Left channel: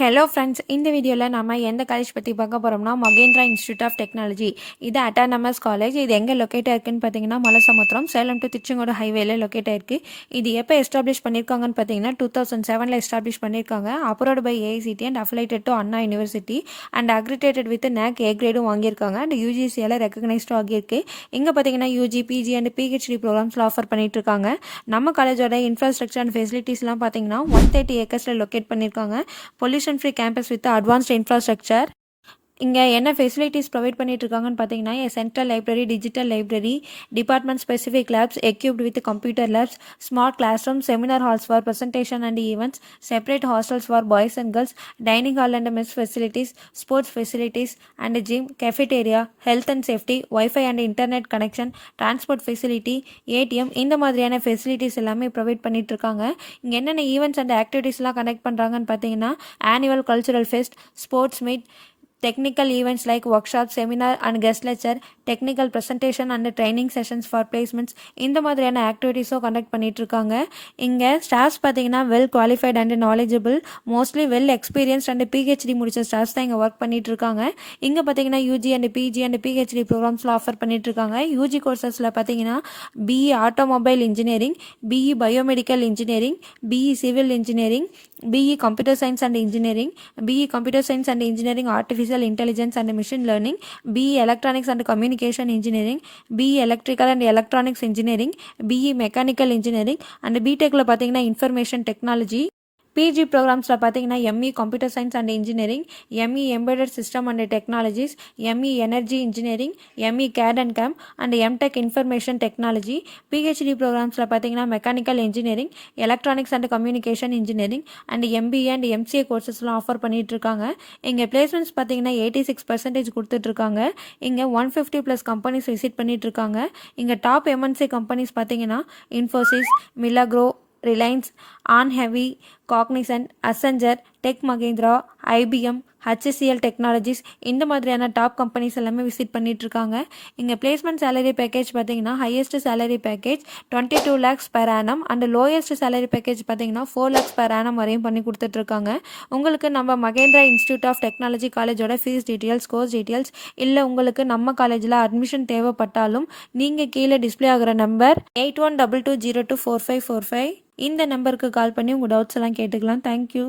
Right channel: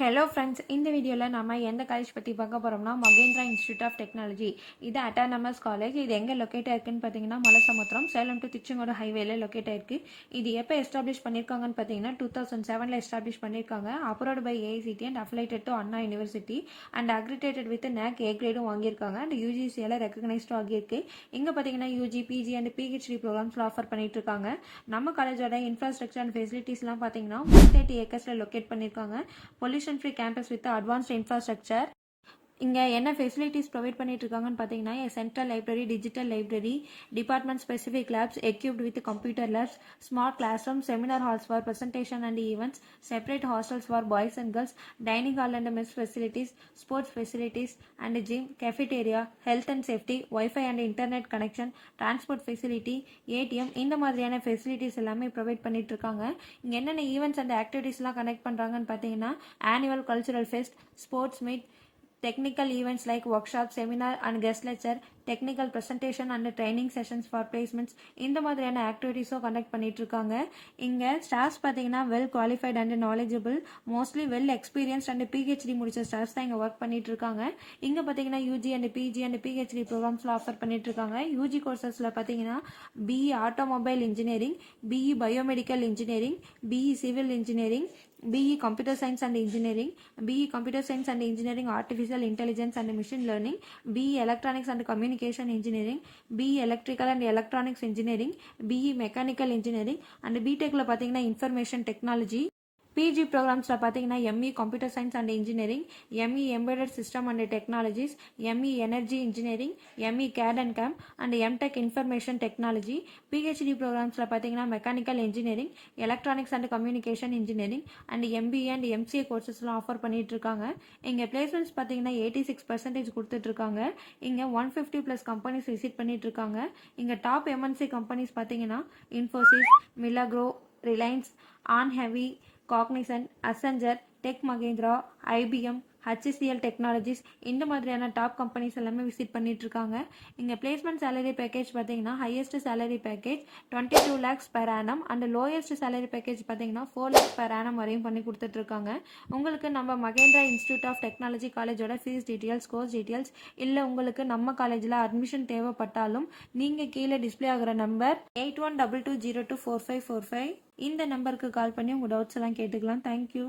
Hello friends, இந்த வீடியோவில் நம்ம எந்த காலேஜ் பற்றி பார்க்க போகிறோம்னா மகேந்திரா இன்ஸ்டியூட் ஆஃப் டெக்னாலஜி. இது அட்டானமஸ் காலேஜ். இது எங்கே லொக்கேட் ஆயிருக்குன்னு பார்த்தீங்கன்னா மலசமுத்திரம், சேலம் டு திருச்செங்கோடு ஹைவேல லொக்கேட் ஆயிருக்கு. இது எப்போ எஸ்டாப்ளிஷ் பண்ணியிருக்காங்கன்னு பார்த்தீங்கன்னா 2007 எஸ்டாப்ளிஷ் பண்ணியிருக்காங்க. Approved by AICTE and affiliated to Anna university and accredited with NAC A கிரேடும் வாங்கியிருக்காங்க அண்ட் யூஜிசியால் ரெக்கக்னைஸ்டும் ஆகியிருக்கு. இங்கே பார்த்தீங்கன்னா யூஜி, பிஜி அண்ட் பிஹெச்டி ப்ரோக்ராம்ஸில் ஆஃபர் பண்ணிட்டு இருக்காங்க. நம்ம காலேஜோட இன்ஃப்ராஸ்ட்ரக்சர் அண்ட் ஃபெசிலிட்டிஸ்லாம் பார்த்தீங்கன்னா 130 ஏக்கர்ஸில் லொக்கேட் பண்ணியிருக்காங்க. Pollution free campus with advanced infrastructure. இங்கே என்ன ஃபெசிலிட்டிஸ் ப்ரொவைட் பண்ணிட்டு இருக்காங்கன்னு பார்த்தீங்கன்னா central library, digital library, department specific labs equipped with computer labs, smart class room, seminar halls for presentation and events, separate hostels for boys and girls, dining hall and mess facilities, sports facilities and gym, cafeteria, health and safety, WiFi and internet connection, transport facility, ATM, இந்த மாதிரியான facilities எல்லாமே provide பண்ணிட்டு இருக்காங்க. இங்கே என்னென்ன events and ஆக்டிவிட்டீஸ்லாம் connect பண்ணுறாங்கன்னு பார்த்தீங்கன்னா annual cultural fest, sports meet, technical events like workshops, seminar and guest lecture, technical presentation and training sessions for placements, இந்த மாதிரியான ஆக்டிவிட்டீஸும் கண்டக்ட் பண்ணிட்டு இருக்காங்க. இங்கே ஸ்டாஃப்ஸ் பார்த்தீங்கன்னா well qualified and knowledgeable, mostly well experienced and PhD முடிச்ச staffs தான் இங்கே work பண்ணிட்டு இருக்காங்க. இங்கே பார்த்தீங்கன்னா UG and PG and PhD ப்ரோக்ராம்ஸில் ஆஃபர் பண்ணிட்டு இருக்காங்க. யூஜி கோர்சஸில் பார்த்தீங்கன்னா BE automobile engineering, BE biomedical engineering, BE civil engineering, BE Computer Science and Engineering, BE Computer Science and Engineering Artificial Intelligence and Machine Learning, BE Electronics and Communication Engineering, BE Electrical and Electronics Engineering, BE Mechanical Engineering and BTechல பார்த்தீங்கன்னா Information Technology. PG ப்ரோக்ராம்ஸில் பார்த்தீங்கன்னா ME computer science and engineering, ME embedded system and technologies, ME energy engineering, ME CAD and CAM and MTech information technology. PhD ப்ரோக்ராம்ஸில் பார்த்தீங்கன்னா mechanical engineering, electronics and communication engineering and MBA and MCA கோர்சஸ்லாம் offer பண்ணிட்டு இருக்காங்க. இங்கே placements பார்த்தீங்கன்னா 86% கொடுத்துட்ருக்காங்க. இங்கே 150+ companies visit பண்ணிட்டு இருக்காங்க. இங்கே டாப் எம்என்சி கம்பெனிஸ் பார்த்தீங்கன்னா இன்ஃபோசிஸ், மிலாக்ரோ, ரிலையன்ஸ், ஆன் ஹெவி, Cognizant, Accenture, tech Mahindra, IBM, HCL technologies, இந்த மாதிரியான டாப் கம்பெனிஸ் எல்லாமே விசிட் பண்ணிட்டு இருக்காங்க. இங்கே பிளேஸ்மெண்ட் சேலரி பேக்கேஜ் பார்த்தீங்கன்னா highest salary package 22 lakhs per annum and lowest salary package பார்த்தீங்கன்னா 4 lakhs per annum வரையும் பண்ணி கொடுத்துட்ருக்காங்க. உங்களுக்கு நம்ம மகேந்திரா இன்ஸ்டியூட் ஆஃப் டெக்னாலஜி காலேஜோட ஃபீஸ் டீட்டெயில்ஸ், கோர்ஸ் டீட்டெயில்ஸ் இல்லை உங்களுக்கு நம்ம காலேஜில் அட்மிஷன் தேவைப்பட்டாலும் நீங்கள் கீழே டிஸ்பிளே ஆகிற நம்பர் 8122024545 இந்த நம்பருக்கு கால் பண்ணி உங்கள் டவுட்ஸ் எல்லாம் கேட்டுக்கலாம். தேங்க்யூ.